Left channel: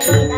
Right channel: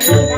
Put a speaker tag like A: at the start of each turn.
A: Thank sure. you.